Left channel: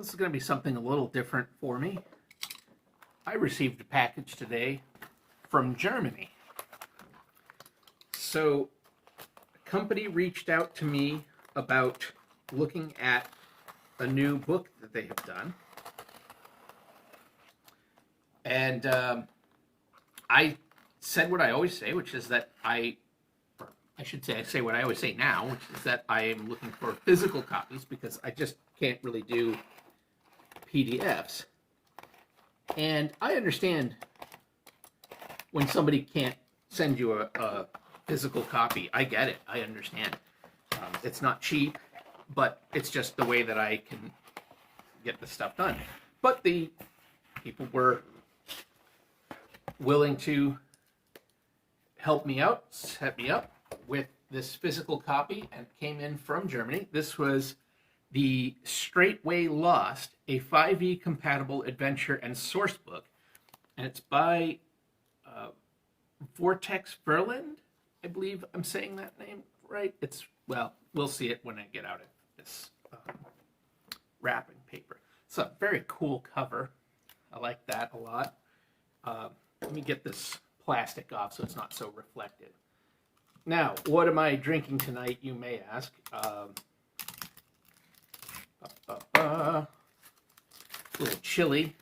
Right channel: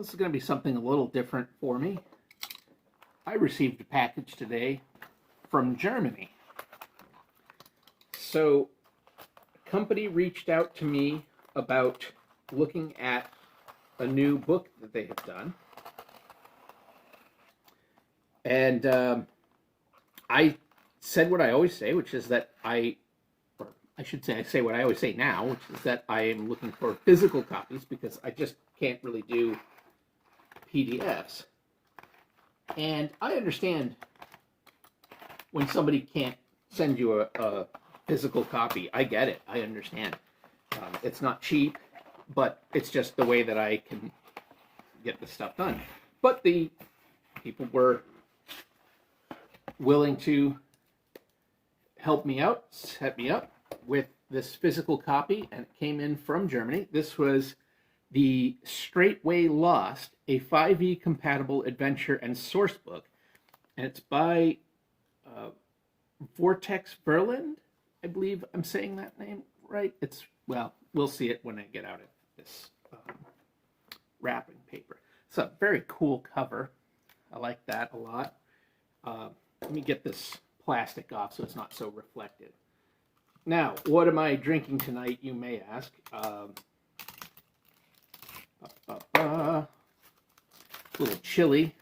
this is going to be something a little different for me. I received a package today from Germany. So, a company reached out to me about looking at a new book that they have done. And I said what I always say, which is that I say what I always say now, which is that I am looking for physical copies because I just can't really do PDFs. And I understand when somebody can't send you a physical copy. I get it. I understand. It's not cheap, but it's just the way that I can get the stuff done. But the people were willing to help me out, set me up with this physical copy, and it came in from Germany. This was the Straightway Lost, a 5e compatible adventure and source book, and it's by Vortex Verlag. I believe I'm saying that name right. Well, we'll see it when I get out of this wrapping paper. It's a very cool cover. I like that a lot. Let me get this plastic off so it's not so reflective. Now, what am I drinking tonight, you may ask? A little chilly,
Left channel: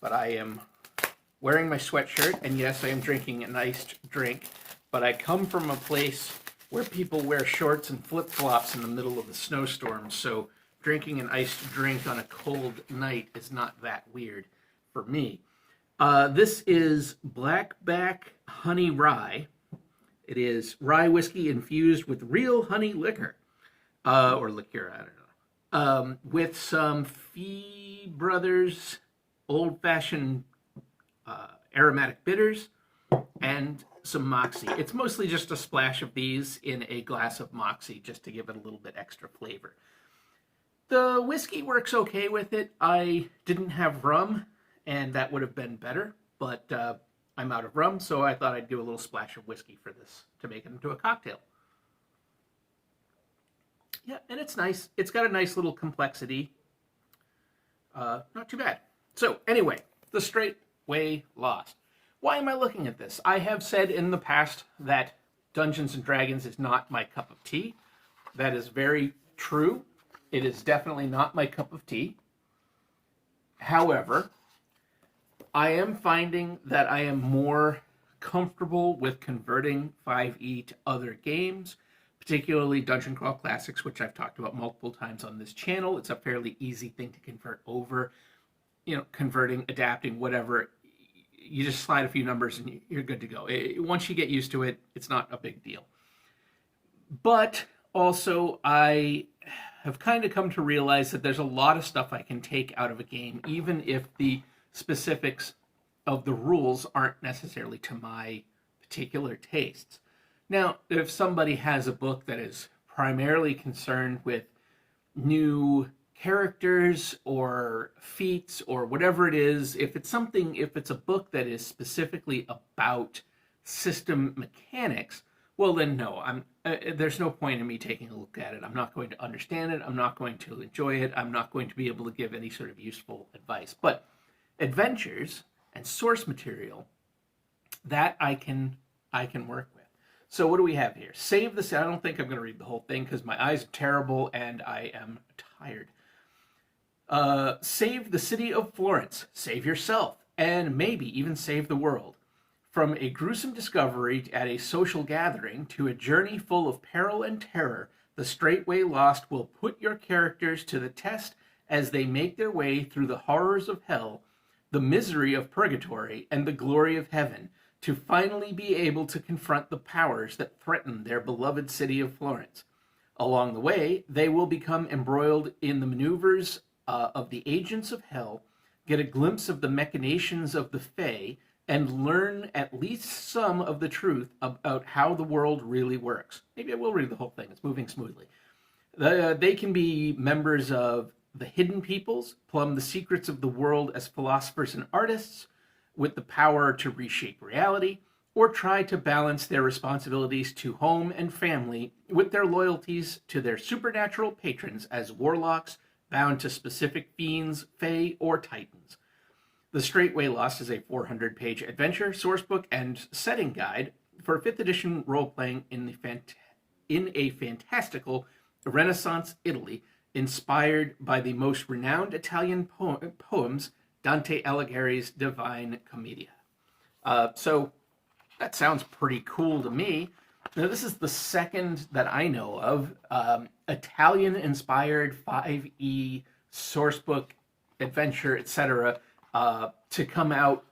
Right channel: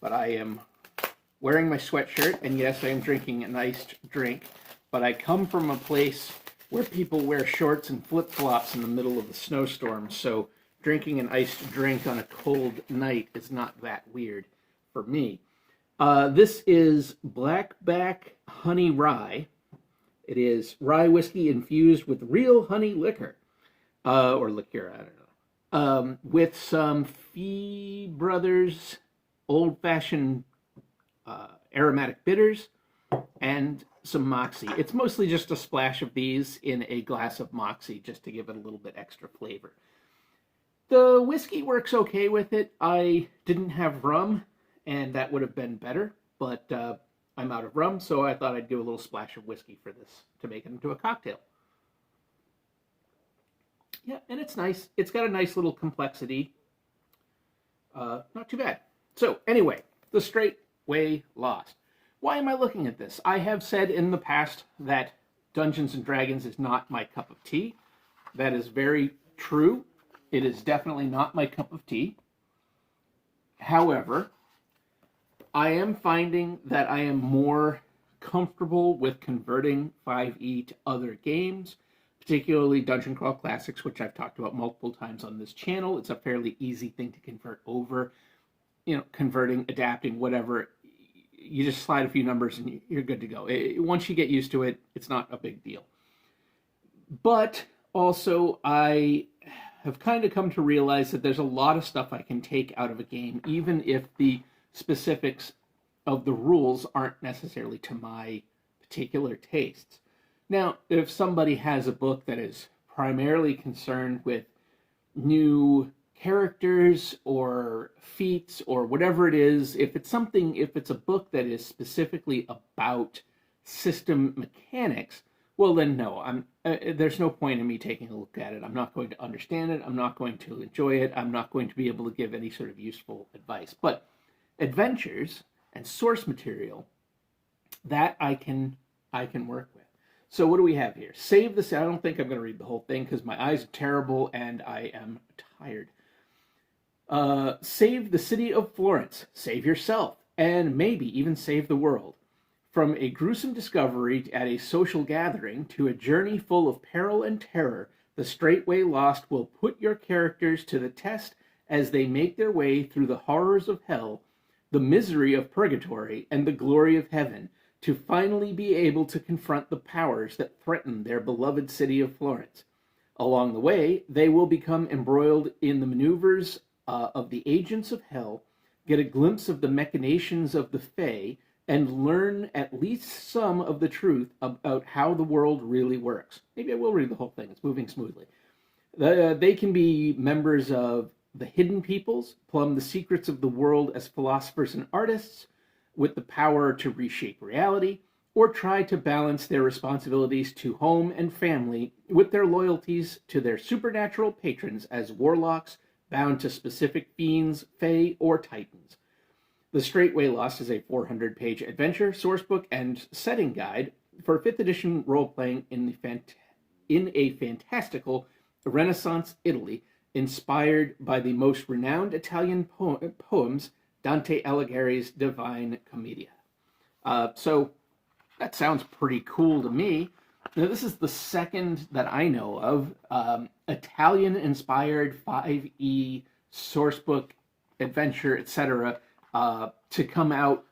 but I am wearing my sweatshirt, and yes, I am drinking an iced drink, but I come from a place where people wear shorts and flip-flops in the middle of a snowstorm, so drinking an iced drink on a cold night is not that weird for me. This is Blackback Honey Rye. It is rye whiskey infused with real honey liquor, or liqueur, I don't know, with some Fee Brothers old-fashioned aromatic bitters and some Moxie. It's mostly just a splash of these in a glass of Moxie just to give it a little bit extra flavor. The whiskey works okay with it. I didn't have rum, and that would have been better, but I'm out of rum, so I thought I'd do a little splash of whiskey for this to make it into a cocktail. Yeah, and it's nice. It's got a nice little complexity. Not too bad. So, anyway, The Straightway Lost. Why am I looking at this? I have said in the past that Dungeons & Dragons is not my cup of tea. That is very true. It is definitely not my cup of tea. However, I am finding that I am more comfortable with converting 5e to other games, particularly Dungeon Crawl Classics, which I've talked about multiple times on this channel. It's a fairly easy thing to convert over. You know, converting, adapting, whatever. You just slide a few numbers and you're good to go. Once you get used to it, it's not a big deal. But also, I have kind of come to realize that there's a lot of stuff I can take out of a game, even if the specifics of the rules aren't necessarily to my particular tastes. Now, if somebody has a book that is primarily concerned with new characters or feats or whatever it is, if it's a book that is specifically about system mechanics, well then no, there's no point in me taking a look at it. I'm not going to understand it. I'm not going to enjoy it. I'm not going to be able to give any sort of useful advice. But adventures and source material, that I can work with. So what do we have here? Save the... I don't think I'm going to read the whole thing because my eyes are terrible and I am tired. Save the city of Florence. Save yourself. And maybe even save the world. From a gruesome discovery at a social gathering to a journey full of peril and terror, The Straightway Lost will put your characters to the test as they make their way through the horrors of hell, the misery of purgatory, and the glory of heaven, to finally be able to confront the powers that threaten their beloved city of Florence. Along the way, they will become embroiled in the maneuvers of the agents of hell, get a glimpse of the machinations of the Fae, and learn at least some of the truth about how the world really works. Maybe I will read the whole thing. It's moving smoothly. They can be members of the hidden peoples, plumb the secrets of the world as philosophers and artists, with the power to reshape reality, or try to balance their responsibilities to home and family with their loyalties to their supernatural patrons as warlocks, bound to specific fiends, fae, or titans. The Straightway Lost is a 400-page adventure, sourcebook, and setting guide for 5th edition role-playing in a fantastical Renaissance Italy, inspired by the most renowned Italian poems, Dante Alighieri's Divine Commedia. So that sounds pretty cool to me. Now, this is the second that I know of Italian-inspired 5e sourcebook, adventure, etc., to come out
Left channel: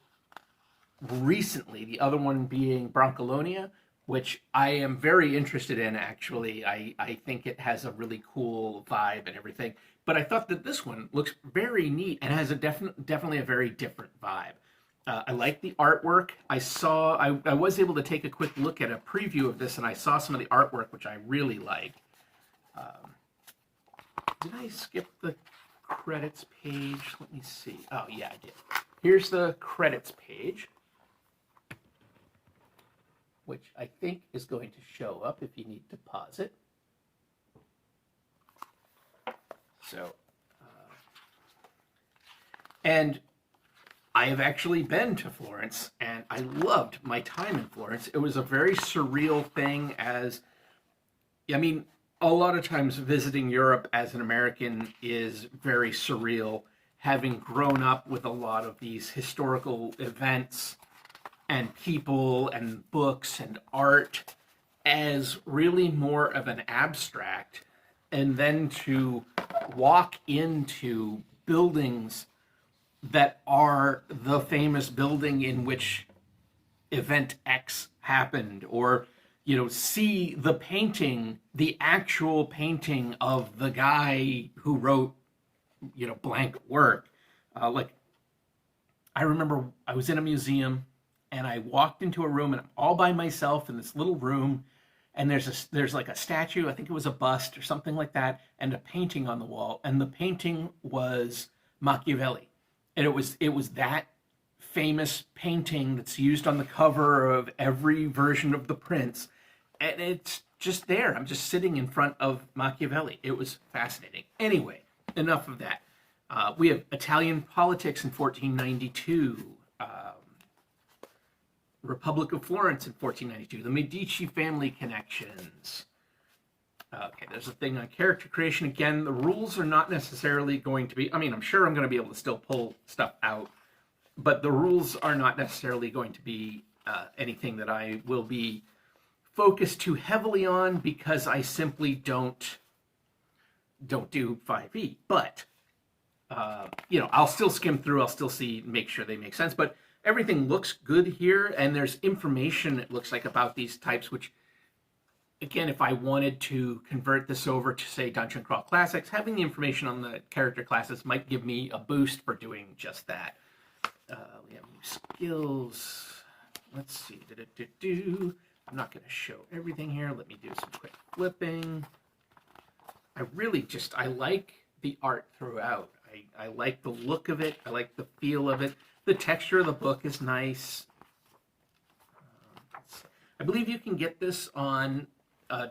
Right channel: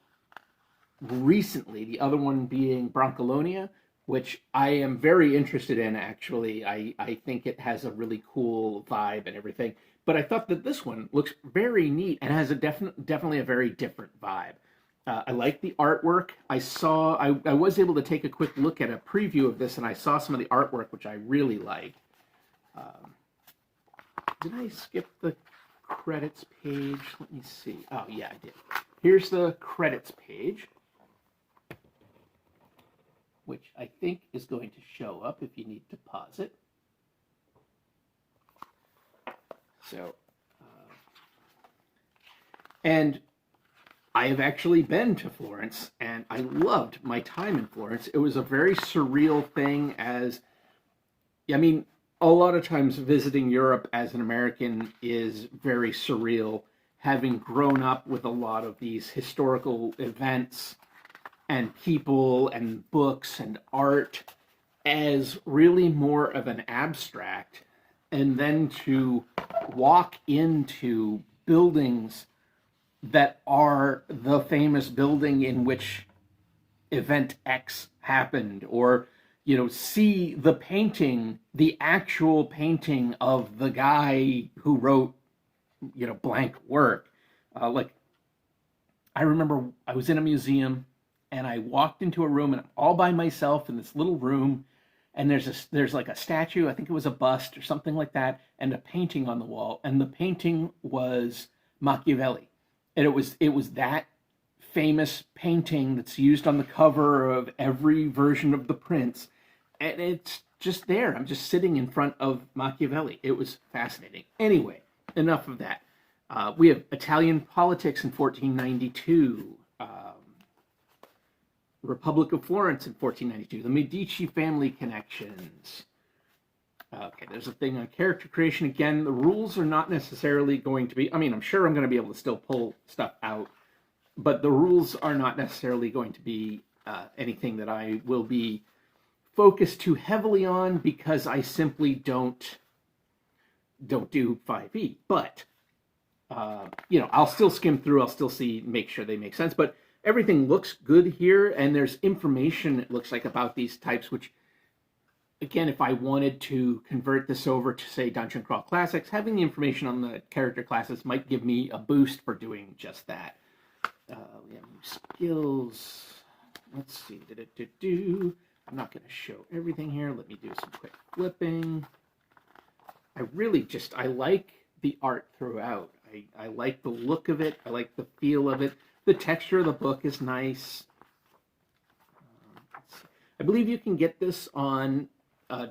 recently. The other one being Broncolonia, which I am very interested in, actually. I think it has a really cool vibe and everything. But I thought that this one looks very neat and has a definitely a very different vibe. I like the artwork. I was able to take a quick look at a preview of this, and I saw some of the artwork, which I really liked. Did I skip the credits page? Let me see. Oh, yeah, I did. Here's the credits page, which I think is going to show up if you need to pause it. So, and I have actually been to Florence, and I loved my time in Florence. It was a very surreal thing a lot of times visiting Europe as an American is very surreal, having grown up with a lot of these historical events and people and books and art as really more of an abstract, and then to walk into buildings that are the famous building in which event X happened, or see the painting, the actual painting of the guy who wrote blank work. Like, I remember I was in a museum and I walked into a room, and I'm all by myself in this little room, and there's like a statue, I think it was a bust or something like that, and a painting on the wall, and the painting was Machiavelli. And it was that famous painting that's used on the cover of every version of The Prince. And it's just there. I'm just sitting in front of Machiavelli. It was fascinating. Anyway, enough of that. We have Italian politics in 1492. Republic of Florence in 1492. The Medici family connections. Okay, there's a thing on character creation. Again, the rules are not necessarily going to be, I'm sure I'm going to be able to still pull stuff out, but the rules are not necessarily going to be anything that I will be focused too heavily on, because I simply don't do 5e. But, I'll still skim through, I'll still make sure they make sense, but everything looks good here, and there's information, it looks like, about these types, which, again, if I wanted to convert this over to, say, Dungeon Crawl Classics, having the information on the character classes might give me a boost for doing just that. We have new skills. Let's see. I'm not going to show everything here. Let me do some quick flipping. I like the art throughout. I like the look of it. I like the feel of it. The texture of the book is nice. I believe you can get this on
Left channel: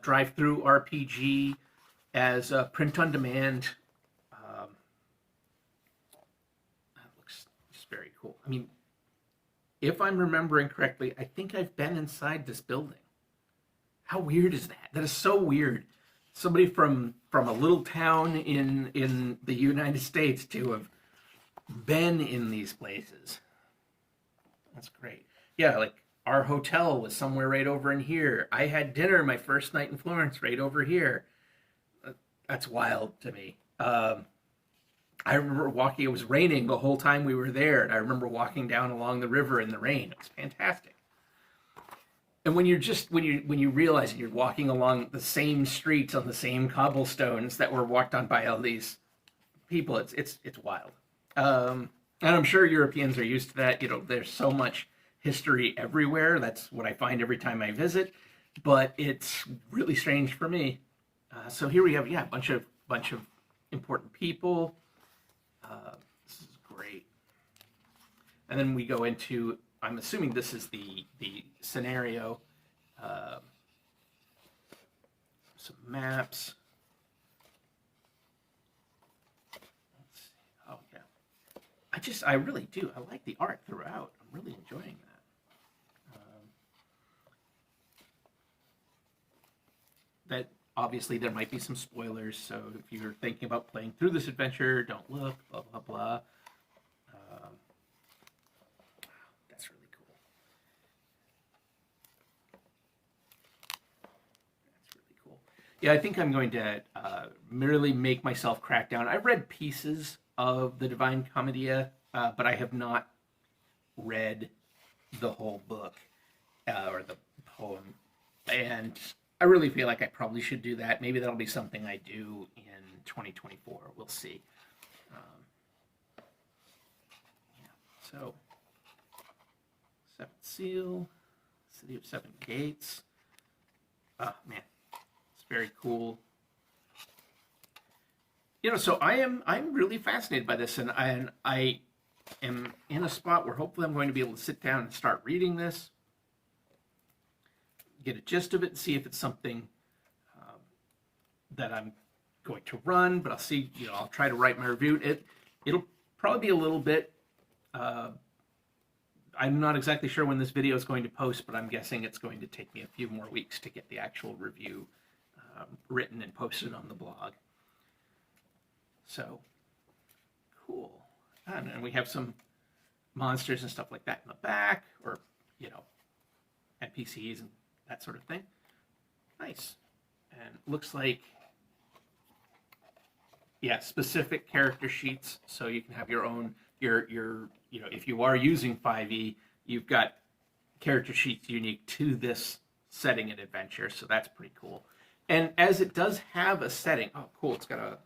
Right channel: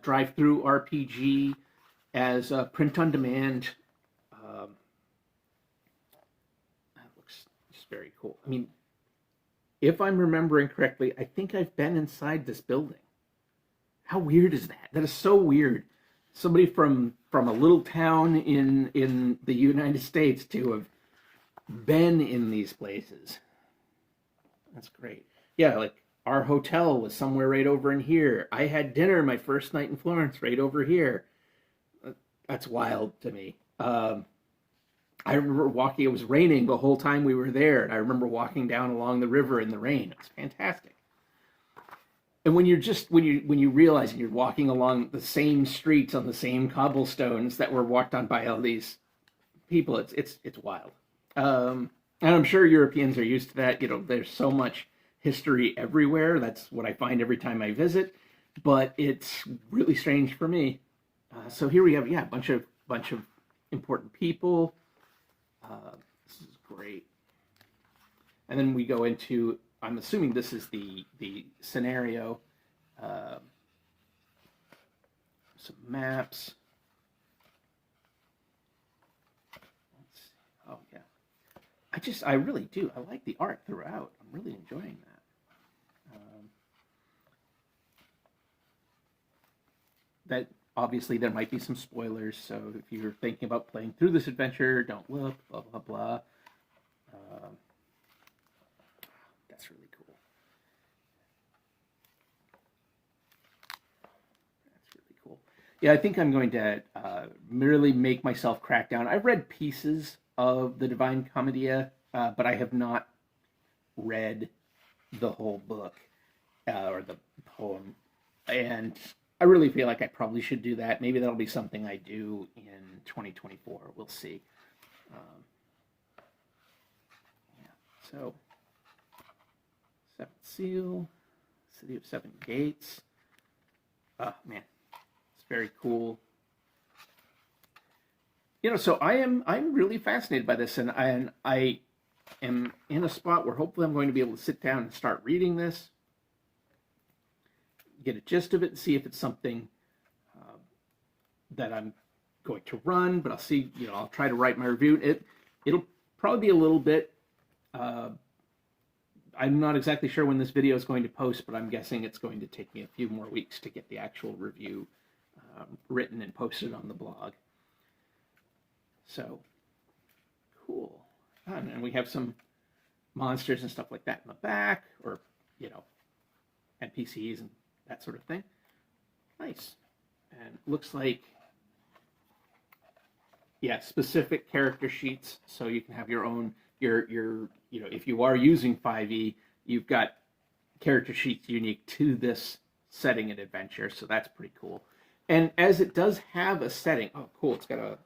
Drive-Thru RPG as print on demand. That looks just very cool. If I'm remembering correctly, I think I've been inside this building. How weird is that? That is so weird. Somebody from a little town in the United States to have been in these places. That's great. Yeah, like, our hotel was somewhere right over in here. I had dinner my first night in Florence right over here. That's wild to me. I remember walking, it was raining the whole time we were there, and I remember walking down along the river in the rain. It was fantastic. And when you realize you're walking along the same streets on the same cobblestones that were walked on by all these people, it's wild. And I'm sure Europeans are used to that. There's so much history everywhere. That's what I find every time I visit. But it's really strange for me. So here we have, a bunch of important people. This is great. And then we go into, I'm assuming this is the scenario. Some maps. I really do. I like the art throughout. I'm really enjoying that. That obviously there might be some spoilers, so if you're thinking about playing through this adventure, don't look, blah, blah, blah. That's really cool. That's really cool. Yeah, I think I'm going to merely make myself crack down. I've read pieces of the Divine Commedia, but I have not read the whole book or the poem. And I really feel like I probably should do that. Maybe that'll be something I do in 2024. We'll see. Yeah. So, Seventh Seal, City of Seven Gates. Oh, man, it's very cool. So I'm really fascinated by this, and I am in a spot where hopefully I'm going to be able to sit down and start reading this, get a gist of it, and see if it's something that I'm going to run. But I'll see. I'll try to write my review. It'll probably be a little bit. I'm not exactly sure when this video is going to post, but I'm guessing it's going to take me a few more weeks to get the actual review written and posted on the blog. So, cool. And we have some monsters and stuff like that in the back, or, NPCs and that sort of thing. Nice. And looks like, specific character sheets, so you can have your own, if you are using 5e, you've got character sheets unique to this setting and adventure, so that's pretty cool. And as it does have a setting, oh, cool, it's got a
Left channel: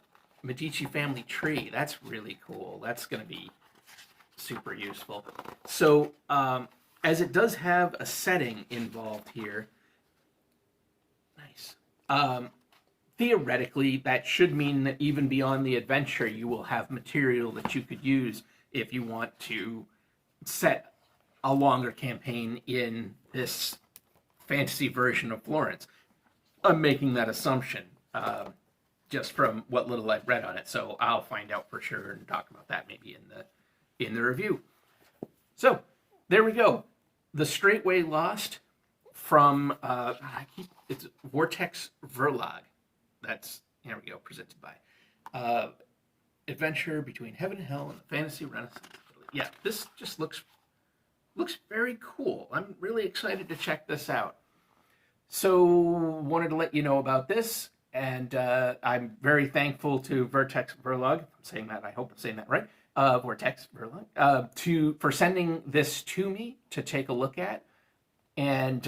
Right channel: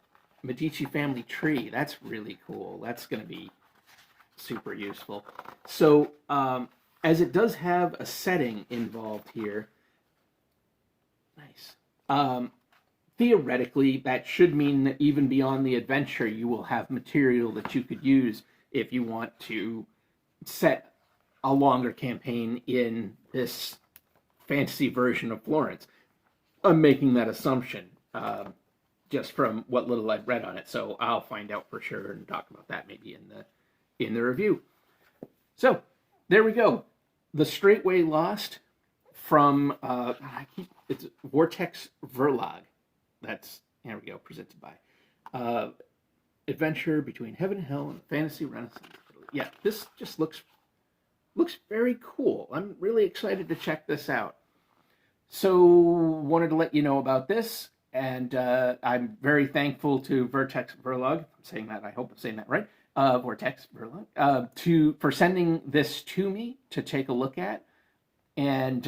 Medici family tree. That's really cool. That's going to be super useful. So, as it does have a setting involved here, nice. Theoretically, that should mean that even beyond the adventure, you will have material that you could use if you want to set a longer campaign in this fantasy version of Florence. I'm making that assumption. Just from what little I've read on it, so I'll find out for sure and talk about that maybe in the review. So there we go, The Straightway Lost from it's Vortex Verlag. There we go, presented by Adventure Between Heaven and Hell and the Fantasy Renaissance. Yeah, this just looks very cool. I'm really excited to check this out. So wanted to let you know about this. And I'm very thankful to Vortex Verlag. I'm saying that. I hope I'm saying that right. Vortex Verlag for sending this to me to take a look at, and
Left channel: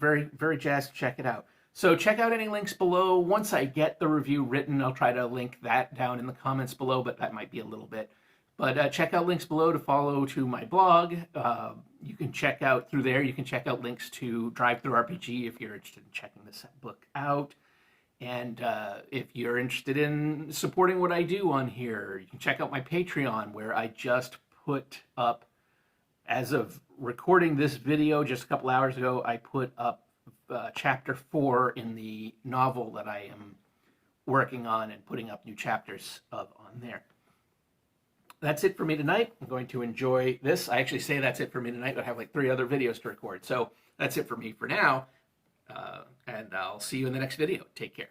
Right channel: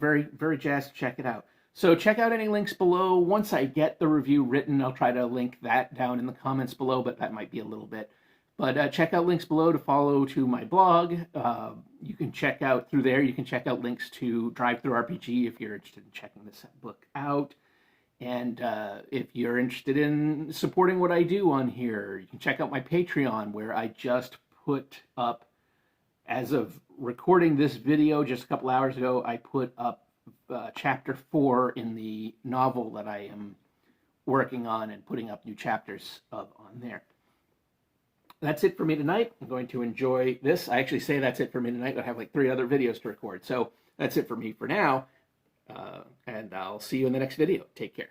very very jazzed to check it out. So check out any links below. Once I get the review written, I'll try to link that down in the comments below, but that might be a little bit. But check out links below to follow to my blog. You can check out through there. You can check out links to Drive Through RPG if you're interested in checking this book out. And if you're interested in supporting what I do on here, you can check out my Patreon, where I just put up, as of recording this video just a couple hours ago, I put up chapter 4 in the novel that I am working on and putting up new chapters of on there. That's it for me tonight. I'm going to enjoy this. I actually say that's it for me tonight, but I have like 3 other videos to record. So that's it for me for now. And I'll see you in the next video. Take care.